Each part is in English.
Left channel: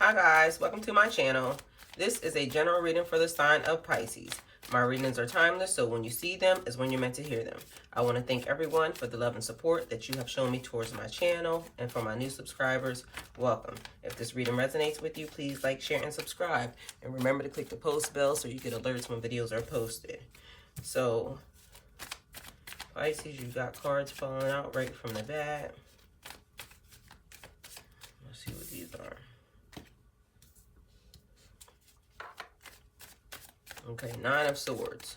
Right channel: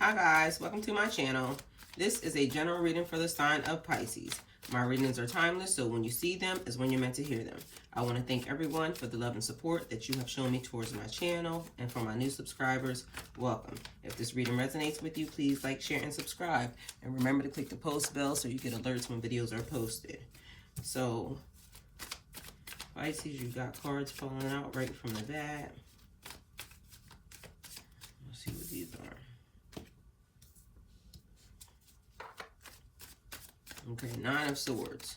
Hi guys, welcome to my channel. This is a general reading for the sign of Pisces. My readings are timeless, so when you see them is when you're meant to hear them. I want to thank everyone for the love and support that you have shown me towards my channel, and for my new subscribers, welcome. If this reading resonates with you, please like, share, and subscribe. And remember to click the post bell so you get alerts when videos are posted. So, Pisces, you got cards falling out right from the bat. Let's see what these are. Okay, Nine of Swords.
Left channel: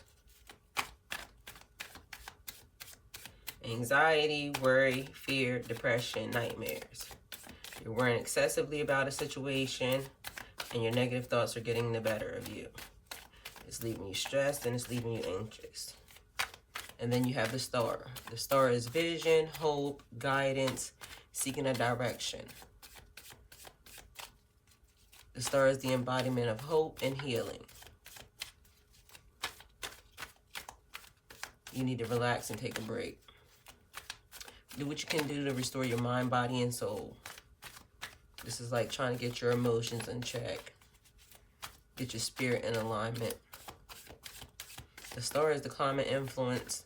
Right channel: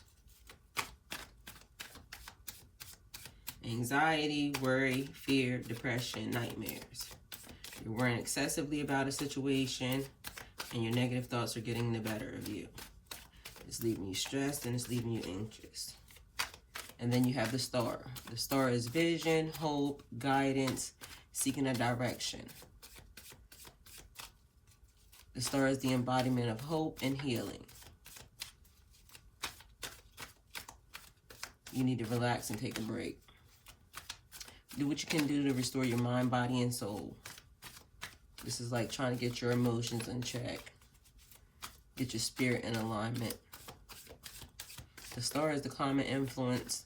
Anxiety, worry, fear, depression, nightmares. You're worrying excessively about a situation, and your negative thoughts are getting the better of you. It's leaving you stressed, and it's leaving you anxious. And then you have the Star. The Star is vision, hope, guidance, seeking a direction. The Star is the embodiment of hope and healing. You need to relax and take a break. Do what you can do to restore your mind, body, and soul. This is like trying to get your emotions in check. Get your spirit in alignment. The Star is the climate influence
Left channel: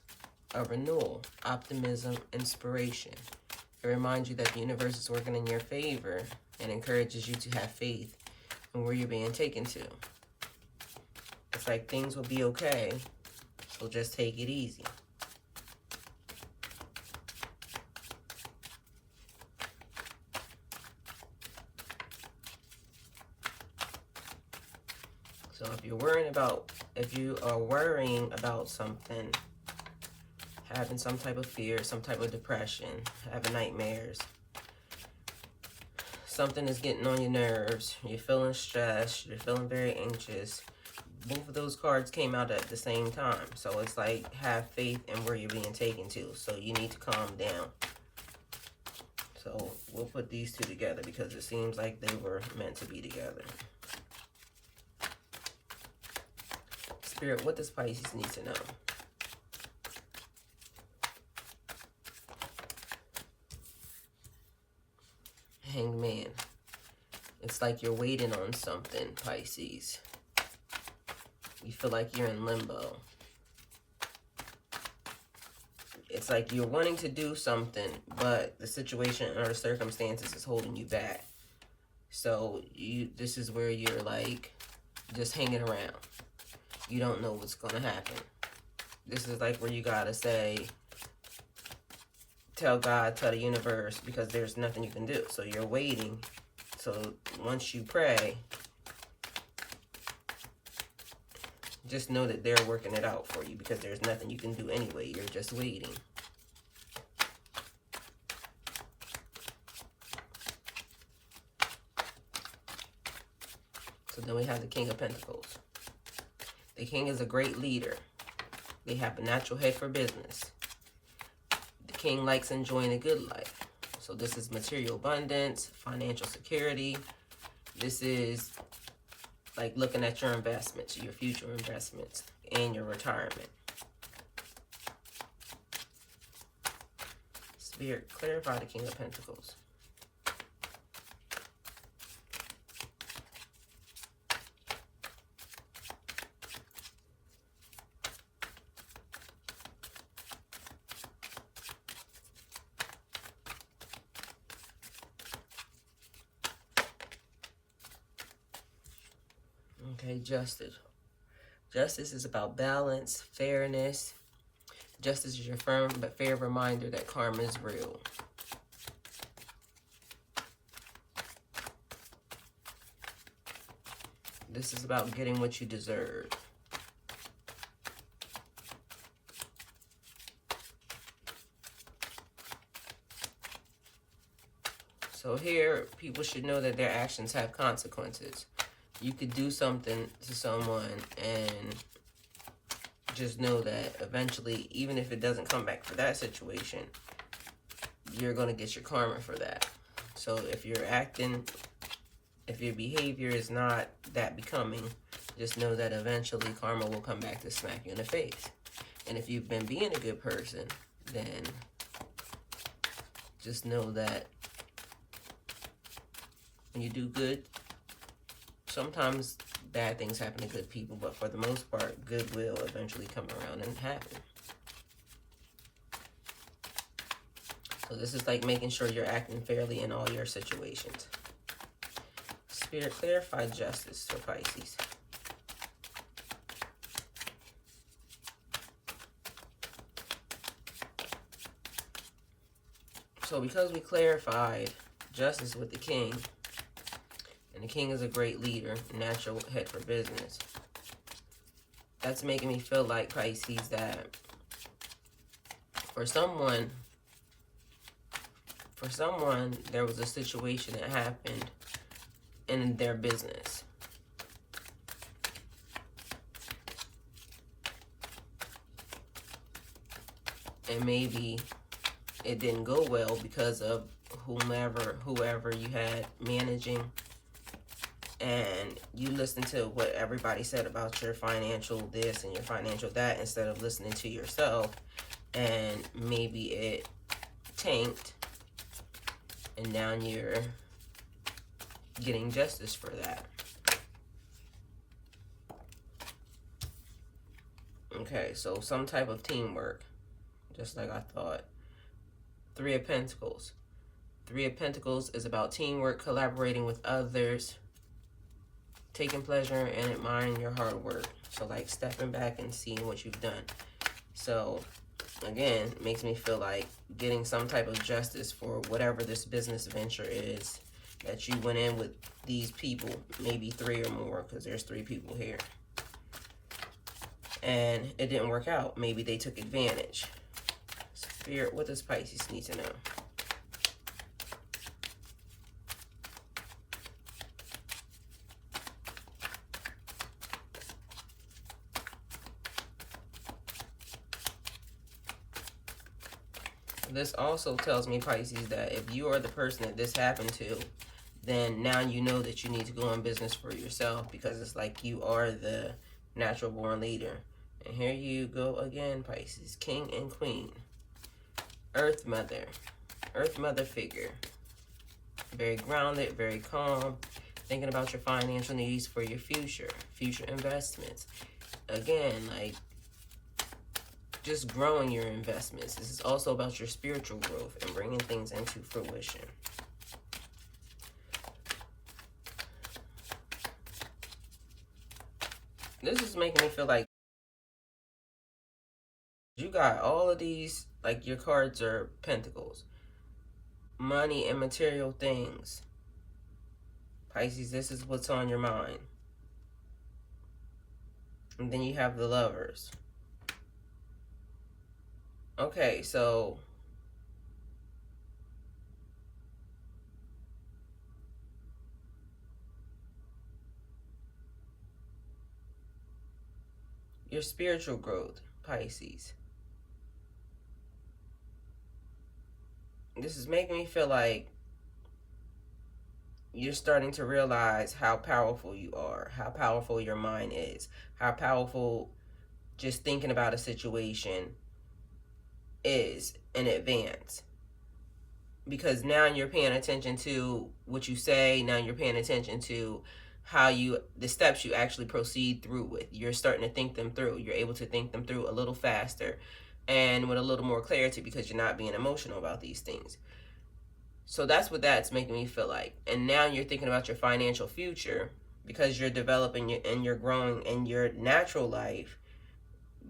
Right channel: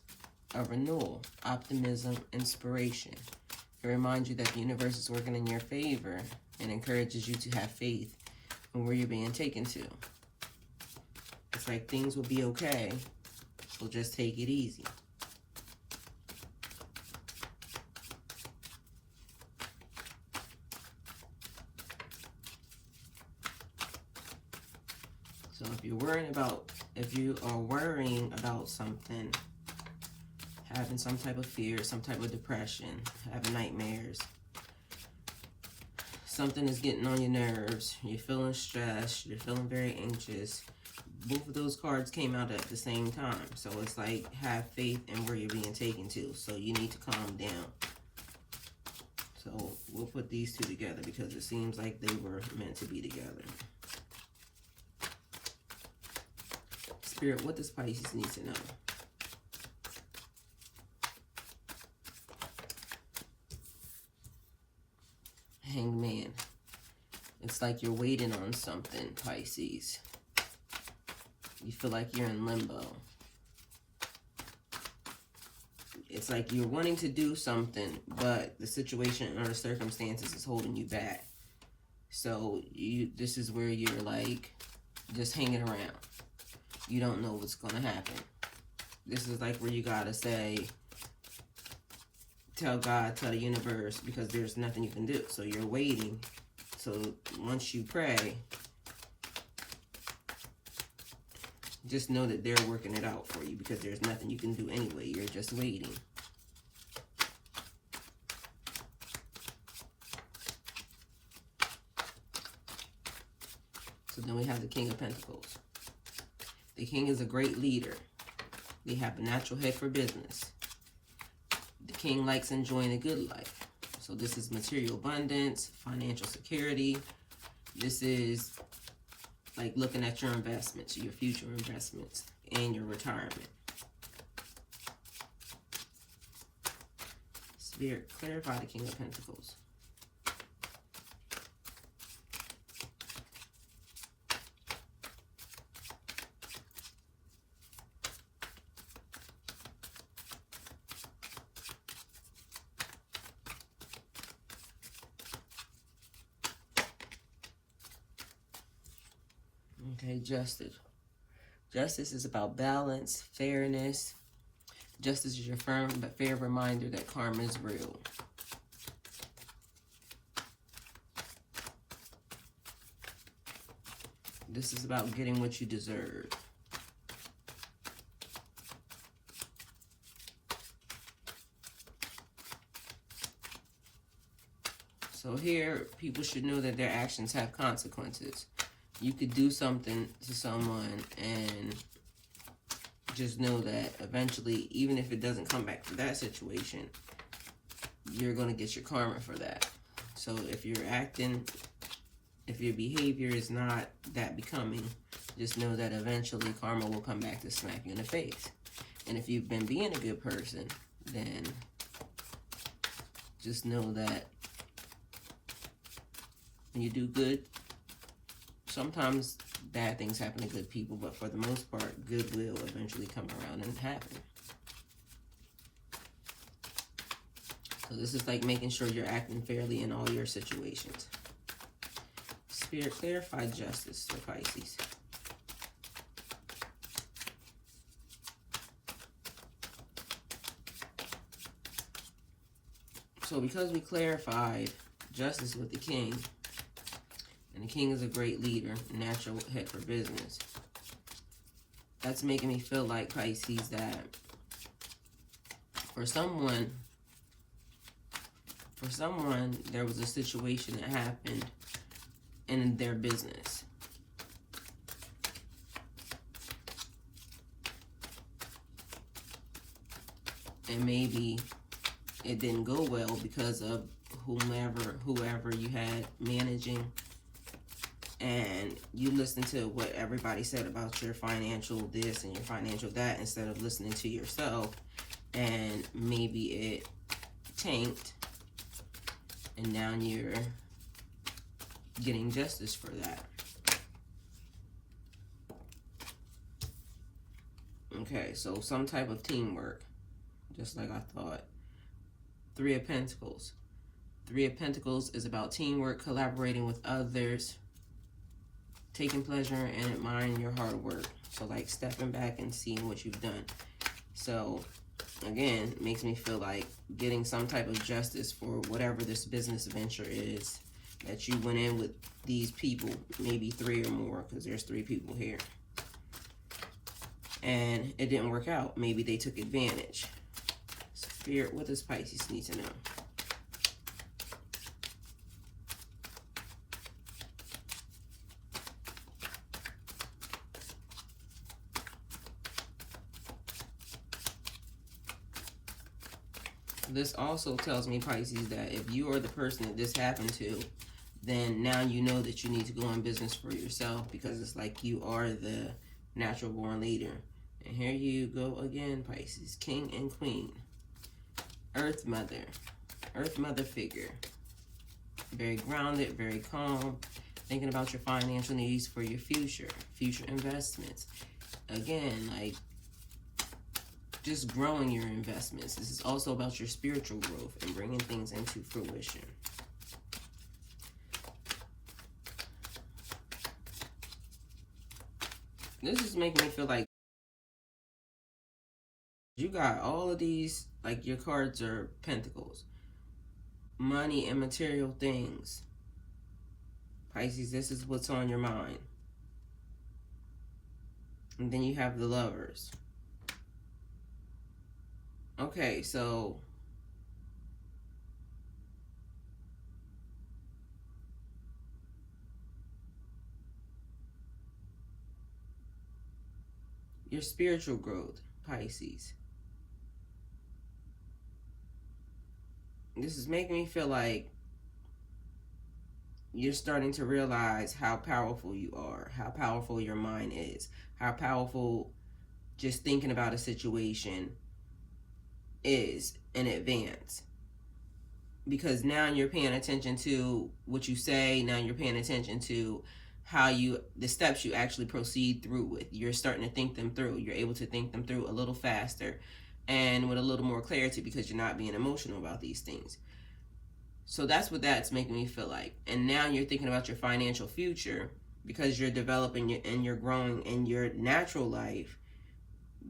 of renewal, optimism, inspiration. It reminds you that the universe is working in your favor and encourages you to have faith in where you're being taken to. It's like things will be okay. So just take it easy. So if you are worrying about something, having some type of fear, some type of depression, having nightmares, something is getting on your nerves, you're feeling stressed, you're feeling very anxious, both of those cards came out at the same time. So it's like, have faith in where you're being taken to. So you need to calm down. So we'll put these two together because it seems like they were meant to be together. Spirit, what does Pisces need to know? Hanged Man. It's like you're waiting on something, Pisces. You feel like you're in limbo. It's like you're wanting to do something, but the situation or the circumstances is holding you back. So this is where you're like just hanging around. You don't know what's going to happen. This is like where you got to say, tell God, tell the universe, because there's nothing you can do. So you're waiting. So once you pray, just know that they're working it out for you because there's nothing you can do anyway. You're just waiting. So then we have the King of Pentacles. The King is a great leader. They have a natural head for business. The King likes enjoying a good life. So this is material abundance, financial security. This is like looking at your investments, your future investments, and your retirement. Spirit, clarify the King of Pentacles. Okay, Justice. Justice is about balance, fairness. Justice is your firm but fair reminder that karma is real. This is about getting what you deserve. So here, people should know that their actions have consequences. You could do something to someone and just know that eventually, even if it doesn't come back for that situation, you're going to get your karma for that. So if you're acting, if your behavior is not that becoming, just know that eventually karma will come back to smack you in the face. And if you've been being a good person, then just know that when you do good, Sometimes bad things happen to good people, but for the most part, good will eventually come around and happen. So this is like making sure you're acting fairly in all your situations. Spirit, clarify justice for Pisces. So because we clarified justice with the king, and the king is a great leader, natural head for business, that's making me feel like, Pisces, that for someone, there was a situation that happened in their business. And maybe it didn't go well because of whoever you had managing, and you listened to what everybody said about your financial this and your financial that instead of listening to yourself, and maybe it tanked, and now you're getting justice for that. Okay, so some type of teamwork, just like I thought. Three of Pentacles. Three of Pentacles is about teamwork, collaborating with others, taking pleasure and admiring your hard work. So like stepping back and seeing what you've done. So again, it makes me feel like getting some type of justice for whatever this business venture is that you went in with these people, maybe three or more, because there's three people here. And it didn't work out. Maybe they took advantage. Spirit, what does Pisces need to know? This also tells me, Pisces, that if you are the person that this happened to, then now you know that you need to go on business for yourself, because it's like you are the natural born leader. And here you go again, Pisces, King and Queen. Earth Mother figure. Very grounded, very calm, thinking about your financial needs for your future investments. Again, like just growing your investments. This is also about your spiritual growth and bringing things into fruition. This is making me feel like you got all of these, like your cards are pentacles. Money and material things. Pisces, this is what's on your mind. And then you have the Lovers. Okay, so your spiritual growth, Pisces. This is making me feel like you're starting to realize how powerful you are, how powerful your mind is, how powerful just thinking about a situation is in advance. Because now you're paying attention to what you say, now you're paying attention to how the steps you actually proceed through with. You're starting to think them through. You're able to think them through a little faster and with a little more clarity, because you're not being emotional about these things. So that's what that's making me feel like. And now you're thinking about your financial future, because you're developing and you're growing in your natural life.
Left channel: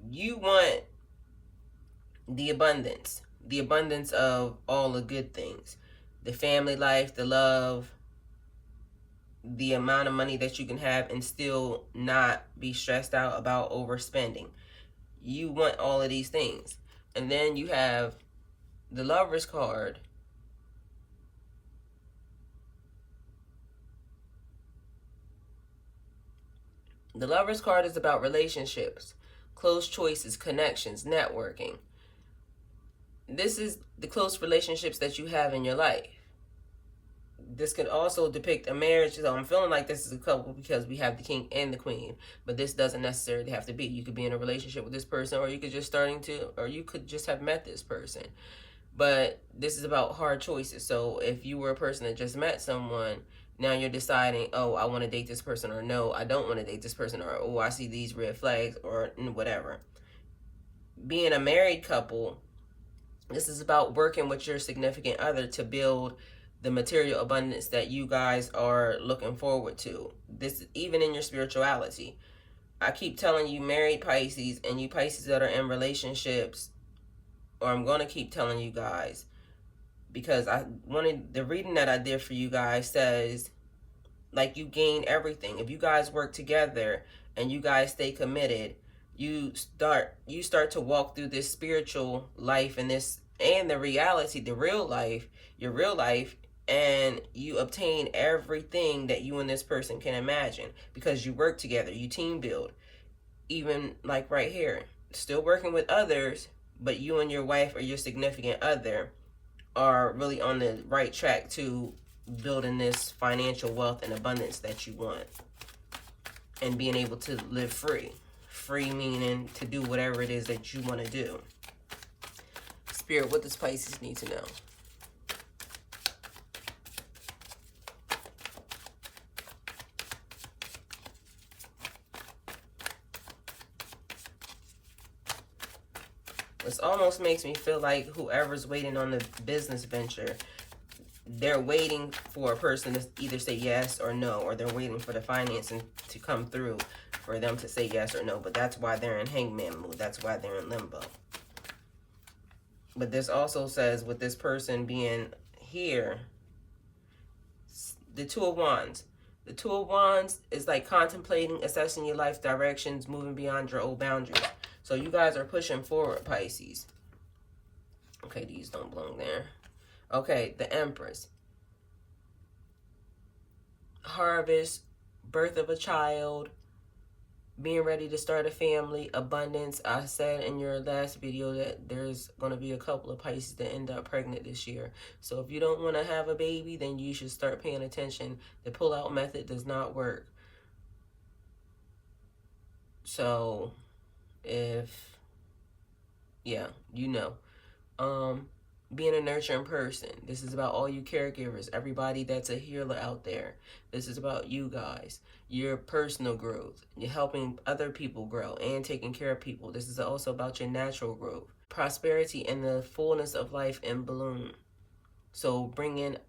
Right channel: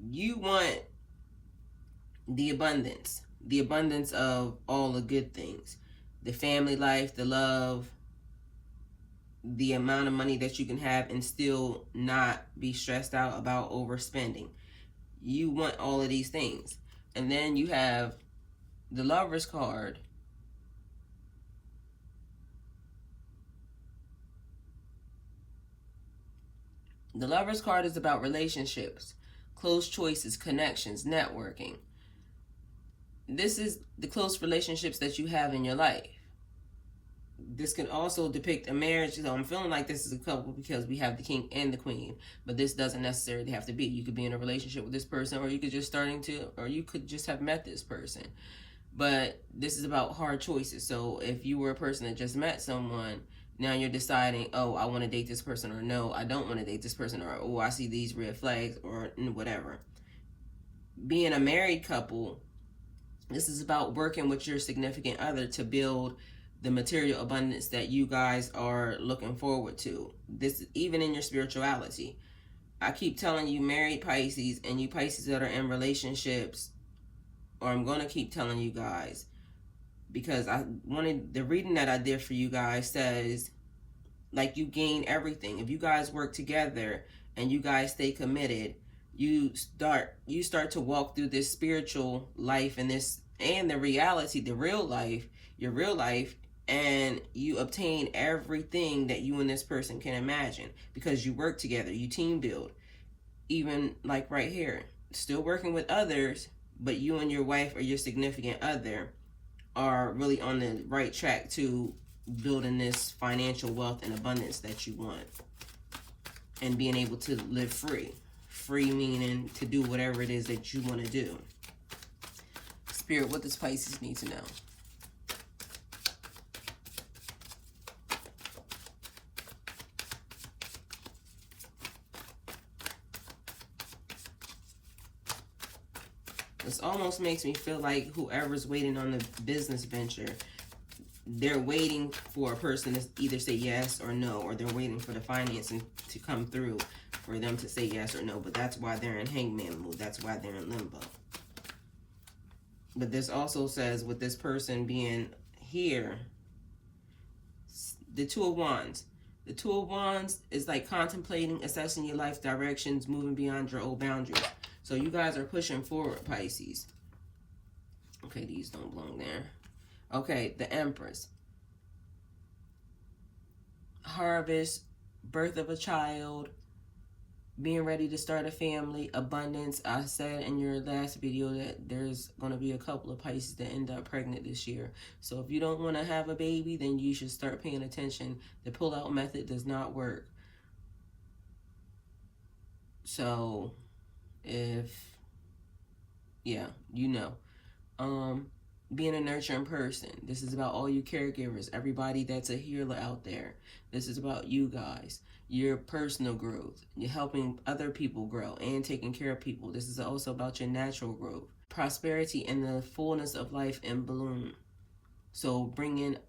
You want the abundance of all the good things, the family life, the love, the amount of money that you can have and still not be stressed out about overspending. You want all of these things. And then you have the Lovers card. The Lovers card is about relationships, close choices, connections, networking. This is the close relationships that you have in your life. This could also depict a marriage. So I'm feeling like this is a couple because we have the King and the Queen, but this doesn't necessarily have to be. You could be in a relationship with this person, or you could just have met this person. But this is about hard choices. So if you were a person that just met someone Now you're deciding, oh, I want to date this person, or no, I don't want to date this person, or oh, I see these red flags, or whatever. Being a married couple, this is about working with your significant other to build the material abundance that you guys are looking forward to. This, even in your spirituality. I keep telling you, married Pisces, and you Pisces that are in relationships, or I'm going to keep telling you guys, because I wanted, the reading that I did for you guys says, like, you gain everything. If you guys work together and you guys stay committed, you start to walk through this spiritual life and this, and the reality, the real life, your real life, and you obtain everything that you and this person can imagine because you work together, you team build. Even like right here, still working with others, but you and your wife or your significant other are really on the right track to building this financial wealth and abundance that you want, and being able to live free. Free meaning to do whatever it is that you want to do. Spirit, what does Pisces need to know? This almost makes me feel like whoever's waiting on the business venture, they're waiting for a person to either say yes or no, or they're waiting for the financing to come through for them to say yes or no. But that's why they're in hangman mood. That's why they're in limbo. But this also says, with this person being here, the Two of Wands. The Two of Wands is like contemplating, assessing your life directions, moving beyond your old boundaries. So you guys are pushing forward, Pisces. Okay, these don't belong there. Okay, the Empress. Harvest, birth of a child, being ready to start a family, abundance. I said in your last video that there's going to be a couple of Pisces that end up pregnant this year. So if you don't want to have a baby, then you should start paying attention. The pull-out method does not work. So if, yeah, you know. Being a nurturing person. This is about all you caregivers, everybody that's a healer out there. This is about you guys, your personal growth. You're helping other people grow and taking care of people. This is also about your natural growth. Prosperity and the fullness of life in bloom. So bring in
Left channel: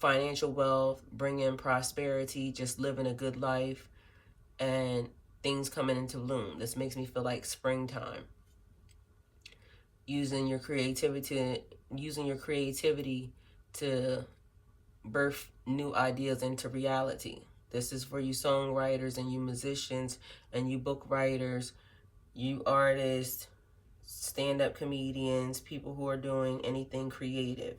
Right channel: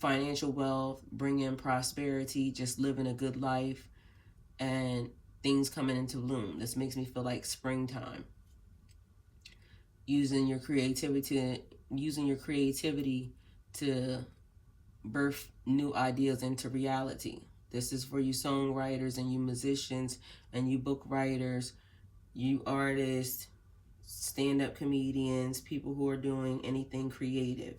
financial wealth, bring in prosperity, just living a good life, and things coming into bloom. This makes me feel like springtime. Using your creativity to birth new ideas into reality. This is for you songwriters and you musicians and you book writers, you artists, stand-up comedians, people who are doing anything creative.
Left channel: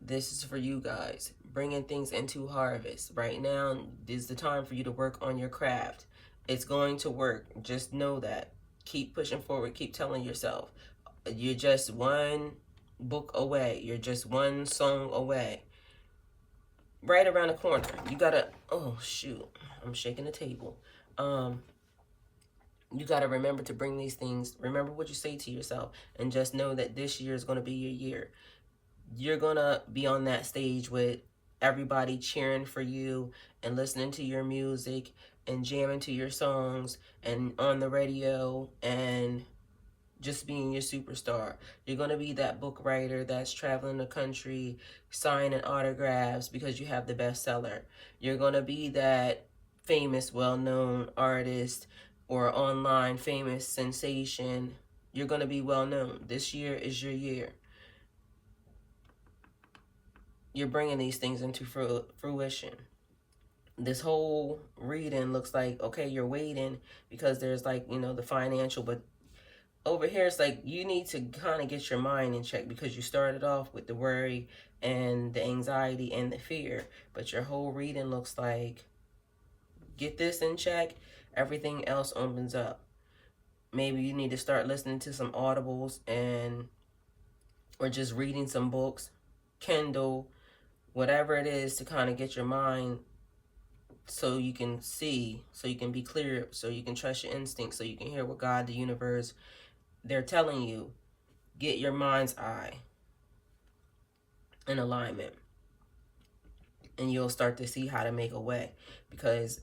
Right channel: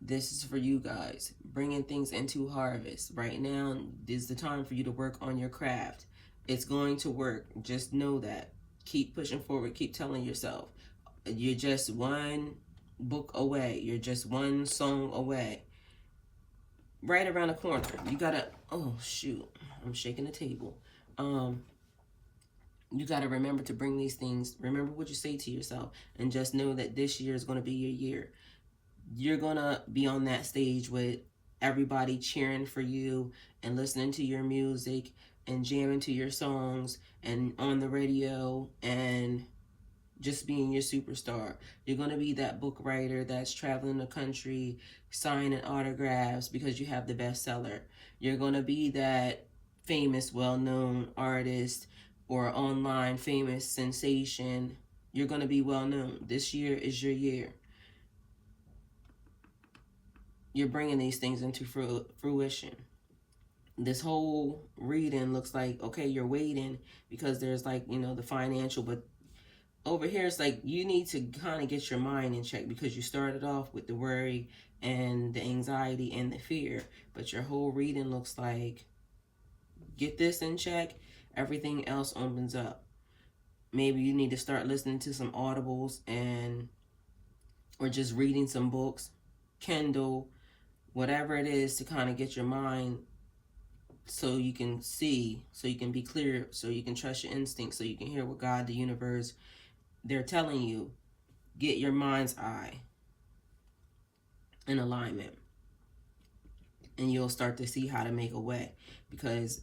This is for you guys. Bringing things into harvest. Right now is the time for you to work on your craft. It's going to work. Just know that. Keep pushing forward. Keep telling yourself. You're just one book away. You're just one song away. Right around the corner. You gotta, oh shoot, I'm shaking the table. You gotta remember to bring these things. Remember what you say to yourself, and just know that this year is gonna be your year. You're gonna be on that stage with everybody cheering for you and listening to your music and jamming to your songs and on the radio and just being your superstar. You're going to be that book writer that's traveling the country, signing autographs because you have the bestseller. You're going to be that famous, well-known artist or online famous sensation. You're going to be well-known. This year is your year. You're bringing these things into fruition. This whole reading looks like, okay, you're waiting because there's like, you know, the financial, but over here, it's like you need to kind of get your mind in check because you started off with the worry and the anxiety and the fear. But your whole reading looks like, get this in check, everything else opens up. Maybe you need to start listening to some audibles or just reading some books, Kindle, whatever it is to kind of get your mind so you can see, so you can be clear, so you can trust your instincts, so you can hear what God, the universe, they're telling you. Get your mind's eye in alignment. And you'll start to see how to make a way, because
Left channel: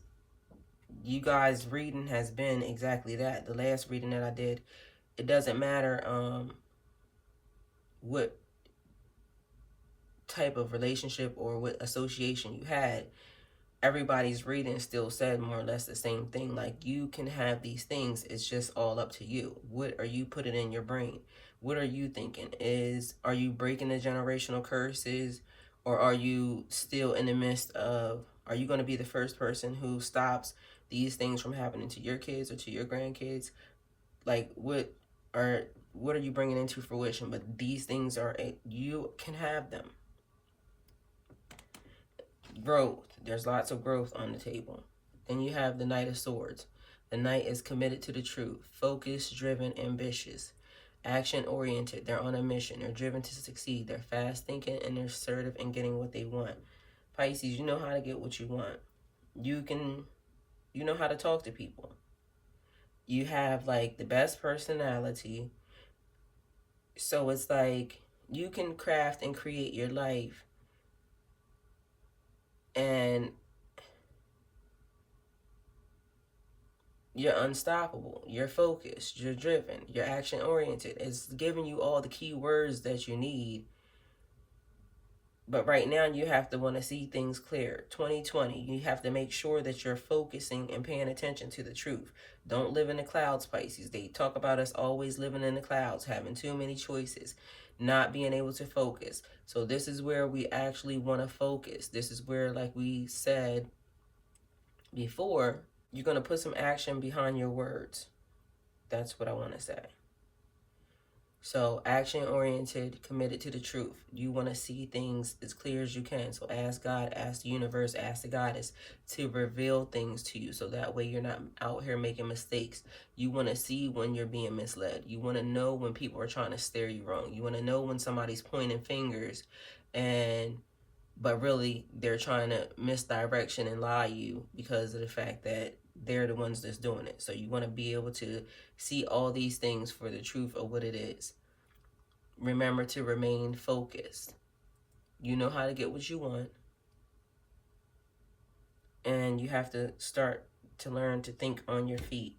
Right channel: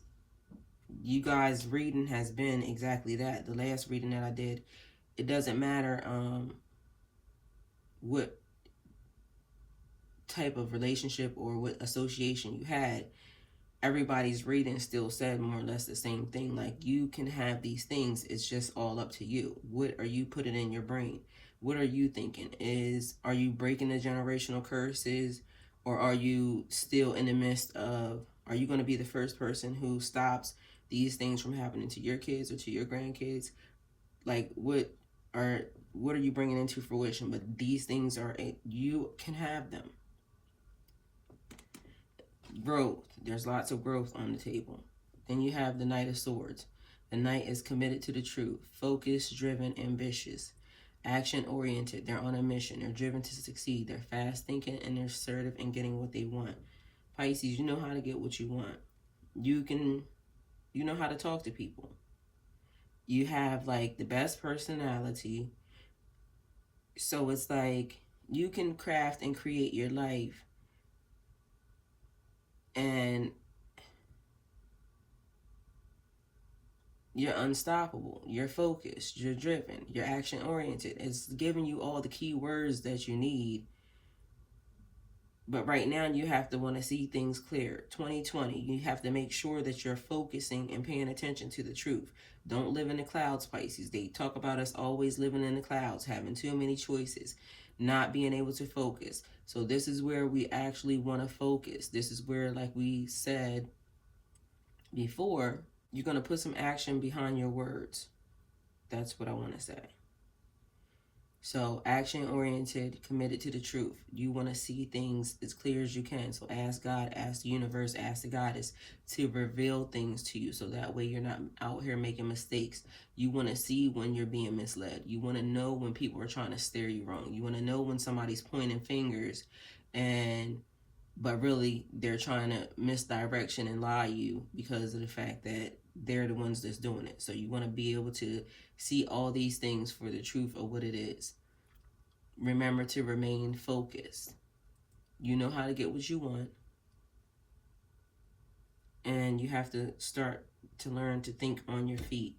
you guys' reading has been exactly that. The last reading that I did, it doesn't matter what type of relationship or what association you had, everybody's reading still said more or less the same thing. Like, you can have these things, it's just all up to you. What are you putting in your brain? What are you thinking? Are you breaking the generational curses, or are you still in the midst of, are you going to be the first person who stops these things from happening to your kids or to your grandkids? Like, what are you bringing into fruition? But these things are, you can have them. Growth. There's lots of growth on the table. Then you have the Knight of Swords. The Knight is committed to the truth, focused, driven, ambitious, action-oriented. They're on a mission. They're driven to succeed. They're fast-thinking, and they're assertive in getting what they want. Pisces, you know how to get what you want. You know how to talk to people. You have, like, the best personality. So it's like, you can craft and create your life, and you're unstoppable, you're focused, you're driven, you're action-oriented. It's giving you all the key words that you need. But right now, you have to want to see things clear. 2020, you have to make sure that you're focusing and paying attention to the truth. Don't live in the clouds, Pisces. They talk about us always living in the clouds, having too many choices, not being able to focus. So this is where we actually want to focus. This is where, like we said before, you're going to put some action behind your words. That's what I want to say. So, action-oriented, committed to the truth. You want to see things as clear as you can. So ask God, ask the universe, ask the goddess to reveal things to you, so that way you're not out here making mistakes. You want to see when you're being misled. You want to know when people are trying to steer you wrong. You want to know when somebody's pointing fingers, but really they're trying to misdirection and lie you because of the fact that they're the ones that's doing it. So you want to be able to see all these things for the truth of what it is. Remember to remain focused. You know how to get what you want. And you have to start to learn to think on your feet.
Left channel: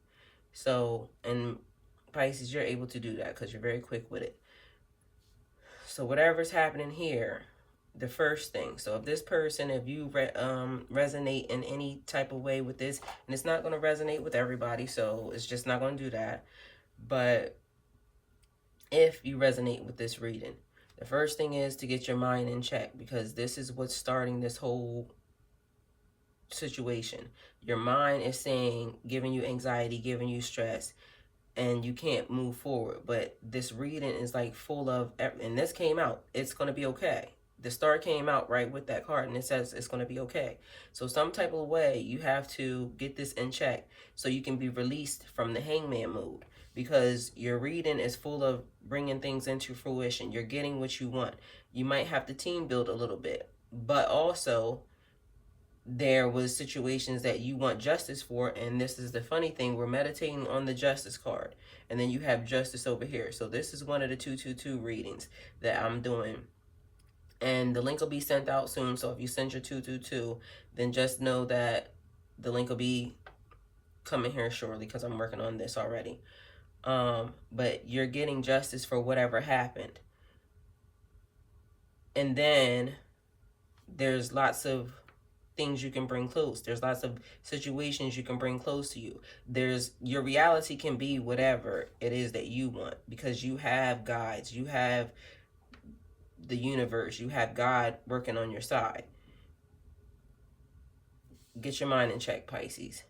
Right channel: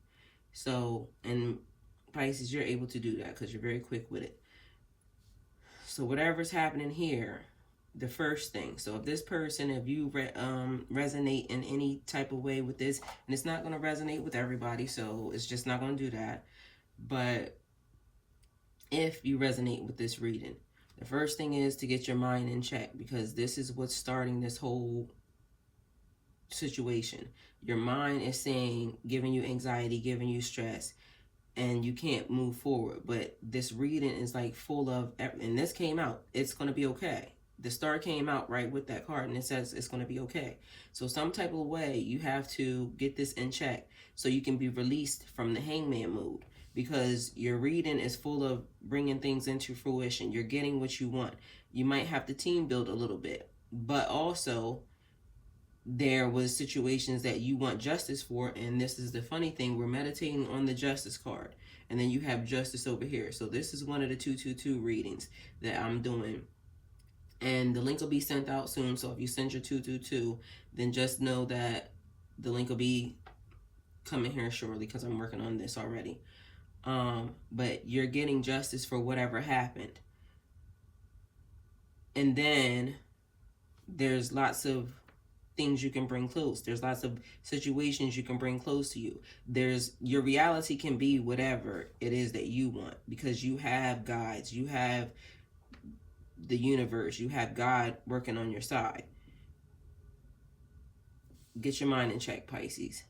So, and Pisces, you're able to do that because you're very quick with it. So whatever's happening here, the first thing, so if this person, if you resonate in any type of way with this, and it's not going to resonate with everybody, so it's just not going to do that, but if you resonate with this reading, the first thing is to get your mind in check, because this is what's starting this whole situation. Your mind is saying, giving you anxiety, giving you stress, and you can't move forward. But this reading is like full of, and this came out, it's going to be okay. The star came out right with that card, and it says it's going to be okay. So some type of way, you have to get this in check so you can be released from the hangman mode, because your reading is full of bringing things into fruition. You're getting what you want. You might have to team build a little bit, but also there was situations that you want justice for, and this is the funny thing, we're meditating on the justice card, and then you have justice over here. So this is one of the 222 readings that I'm doing. And the link will be sent out soon. So if you send your 222, then just know that the link will be coming here shortly, because I'm working on this already. But you're getting justice for whatever happened. And then there's lots of things you can bring close. There's lots of situations you can bring close to you. Your reality can be whatever it is that you want, because you have guides, you have the universe, you have God working on your side. Get your mind in check, Pisces.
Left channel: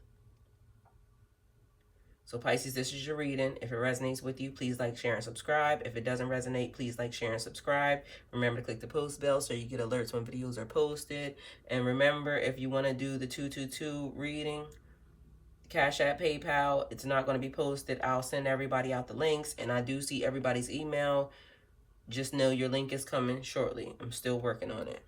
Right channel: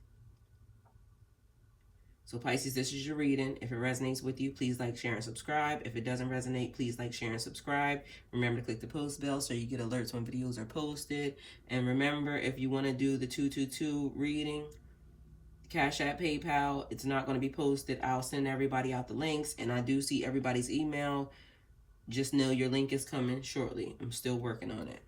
So Pisces, this is your reading. If it resonates with you, please like, share, and subscribe. If it doesn't resonate, please like, share, and subscribe. Remember to click the post bell so you get alerts when videos are posted. And remember, if you want to do the 222 reading, Cash App, PayPal, it's not going to be posted. I'll send everybody out the links, and I do see everybody's email. Just know your link is coming shortly. I'm still working on it.